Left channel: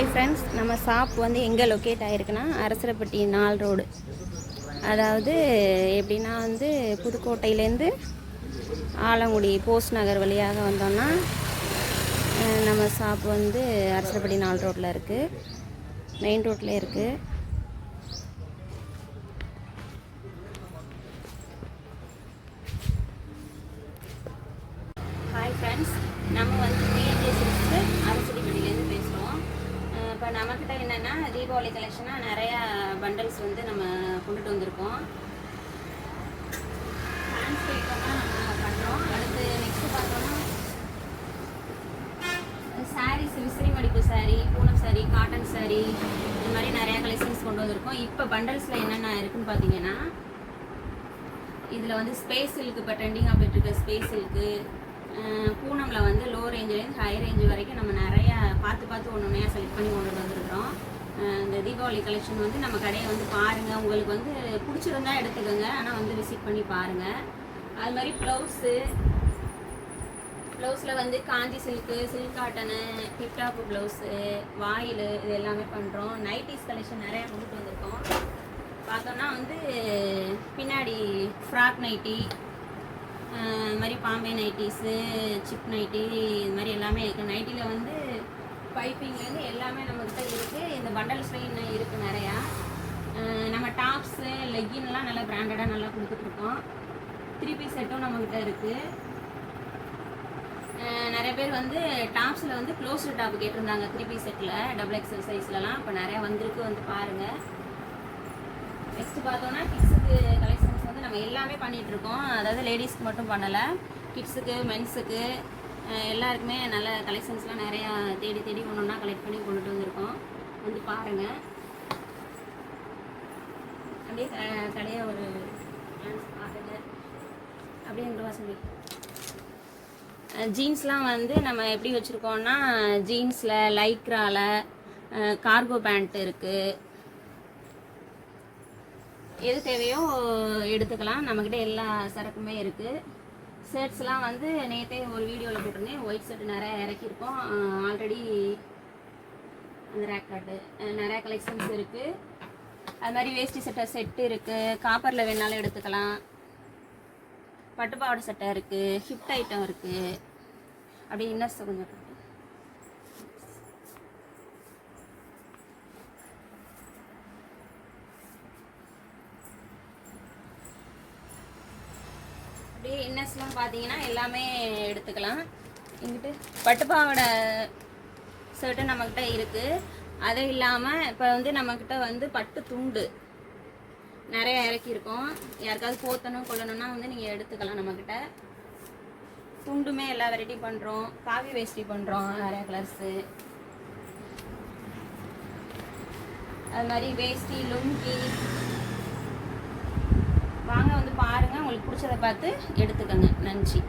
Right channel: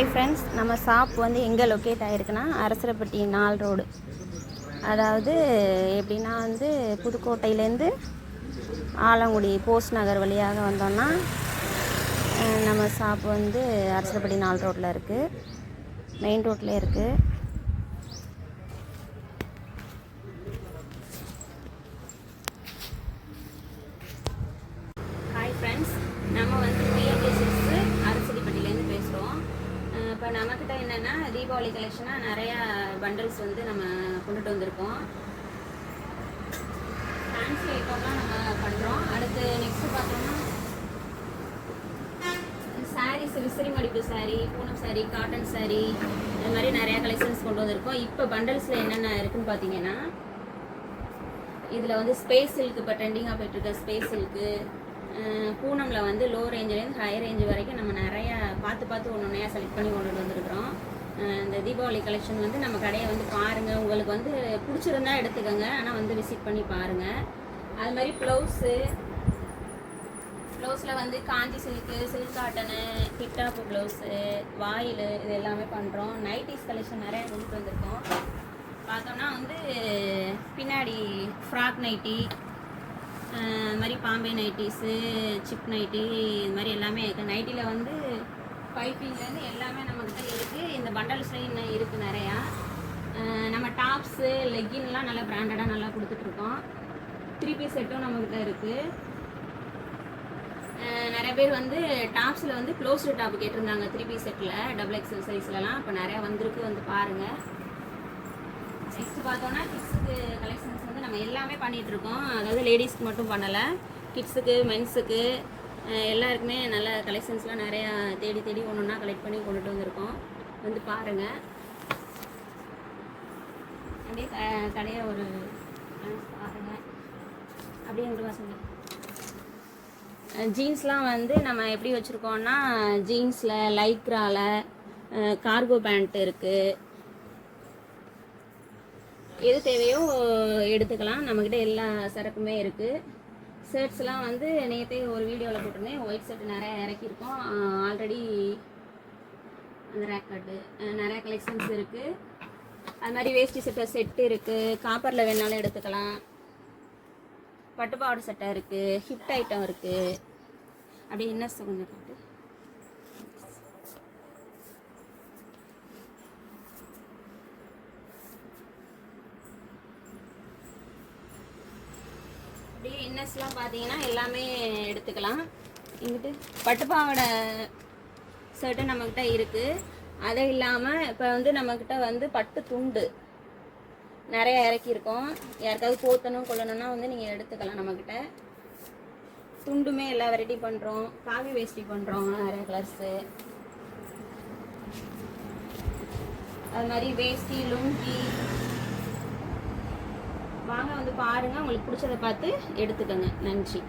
Hi friends நம்ம shop வந்து எங்கே லொக்கேட் ஆகிருக்குன்னா அரசரப்பட்டி நாள் ரோடு அதாவது எப்படின்னா வந்து புதுக்கோட்டையிலேருந்து ஆலங்குடி போஸ்ட் நகர் வழியாக வந்தோம்னா நம்ம ஷாப் வந்து அரசரப்பட்டி நாள் ரோட்டில் இருக்குது மெயின் ரோட்டில் இருக்குது ஹாய் ஃப்ரெண்ட்ஸ் நம்ம வந்து டிஎம்டி சிக்ஸ்த்து அரசடிப்பட்டியிலேருந்து பேசுகிறோம் இப்போ நம்மக்கிட்ட என்னென்னா தீபாவளி கலெக்ஷனாக நிறையா பண்டல்ஸ் வந்து நம்ம கொண்டுட்டு வந்திருக்கோம். ஃபேன்சி ஐட்டம்லாம் நம்ம பண்ணுறோம் அடுத்து நெக்ஸ்ட்டு பார்த்தோம்னா சாரீஸ் விசிறி மடிப்பு saree Poonam saree cotton saree இந்த மாதிரி நிறையா கலெக்ஷன்ஸ் கொண்டு வந்திருக்கோம். இப்போ பண்டல்ஸில் என்னென்ன இருக்குன்னு பார்த்தீங்கன்னா இதில் வந்து ஸ்பேஸ் சில்க் இப்போ ட்ரெண்டிங்காக போயிட்டுருக்க ஸ்பேஸ் சில்க்கு பூனமில் வந்து லோ ரேஞ்சிலேருந்து ஹை ரேஞ்ச் வரைக்கும் நம்ம நிறையா பார்த்து பார்த்து ஒன்று ஒன்றையா செலக்ட் பண்ணி கொண்டு வந்துருக்குறோம். இந்த தீபாவளி கலெக்ஷன் வந்து நம்ம கடையை வந்து பாருங்கள் உங்களுக்கு வந்து பிடிச்சிருந்தா எடுத்துக்கோங்க. ஆனால் வந்து விசிட் பண்ணி பாருங்கள் அது மாதிரி ப்ளவுஸு ப்ளவுஸில் வந்து Kanchi silk silk cotton tiptop blouse வாயில் இது எல்லாமே பண்ணுறோம் நைட்டிஸ் கலெக்ஷன் நிறையா கொண்டுட்டு வந்திருக்கோம். பார்த்தோம்னா வந்து பின்னாடி ஃப்ராக் நைட்டி இது மாதிரி பாம்பே நைட்டிஸு சிப் நைட்டி இது மாதிரி எல்லாமே இருக்குது நைட்டியில் வந்து பைப்பிங்லேருந்து எல்லாமே நம்மக்கிட்ட இருக்குது இந்த பண்டல்ஸ்லையும் இன்னும் இருக்குது நிறையா. நம்ம டாப்ஸு லெக்கின்லாம் நல்லா பிராண்டடாக நல்லா கொடுத்துட்ருக்கோம். த்ரீ பீஸ் செட்டும் நம்மக்கிட்ட இருக்குது நிறைய பேர் வந்து டாப்ஸில் வந்து க்ளோஸ்டு டாப் கேட்டிருந்தாங்க. த்ரீ பீஸ் செட்டில் டபுள் எக்ஸல் சைஸ்லலாம். இப்போ நிறையா வந்திருக்கு வந்து பாருங்கள் நெக்ஸ்ட் பார்த்தோன்னா கிட்ஸுக்கு கலெக்ஷன்ஸ் வந்து நம்ம எல்லாமே பண்ணிகிட்ருக்கோம் இருக்கோம் அதாவது லேடிஸ்க்கு மட்டும் பண்ணலை. கிட்ஸுக்கு மென்ஸுக்கு எல்லாருக்குமே நல்ல கலெக்ஷன்ஸ்லாம் நிறையா தேடி தேடி ஒன்று ஒன்றா கலெக்ட் பண்ணி கொண்டுட்டு வந்திருக்கோம். வந்து பாருங்கள் அப்படியே க- கடையை ஒரு glance பாருங்கள் அப்படின்ற சொல்லி. ஜீன்ஸ்லாம் வந்து நம்ம எப்படி வச்சுருக்கோம்னா ஜீன்ஸில் லைக்ராவில் கார்கோ பேண்ட் இருக்குது எது தேவையோ எடுத்துக்கலாம். நம்மக்கிட்ட எல்லா சரக்குமே இருக்குது ஷர்ட்ஸ்லாம் வந்து நேற்றே ஒரு வீடியோவில் போட்டிருந்தேன். ஒயிட் ஷர்ட் நிறையா இறக்கியிருக்கோம். ஆல்ரெடி அந்த ரேக் கார்டு நிறையா கலெக்ஷன்ஸ் இருக்குது அது மாதிரி வேஷ்டி சட்டை செட்டு இருக்குது காப்பரில் வேணாலும் எடுத்துக்கலாம். பட்டுப்பாவோட சட்டை இருக்குது ஹிப் ஐட்டம் இருக்குது அப்படியே இன்னர்ஸ் கொஞ்சம் காட்டு அப்படியே இன்னர்ஸ்லாம் பார்த்தீங்கன்னா எல்லாமே எடுத்துக்கலாம். இங்கிட்டு பட்டுப்பாவோட ஷர்ட்டு நம்மக்கிட்ட இருக்குது அது இல்லாமல் இப்போ வந்து நம்மக்கிட்ட வந்து பட்டு துண்டு நிறைய இறக்கியிருக்கோம். யாருக்காவது போத்தணும் கொள்ளணும்னா வந்து நீங்கள் எடுத்துக்கலாம் நம்மக்கிட்ட துண்டுமே எல்லா வெரைட்டி பண்ணுறோம் காவி வேஷ்டி பண்ணுறோம் நிறைய கலர்ஸு அது மாதிரி வேஷ்டி லுங்கி வாங்க வந்து பாருங்கள் உங்களுக்கு பிடிச்சதை பார்த்து எடுத்துக்கோங்க. நன்றி.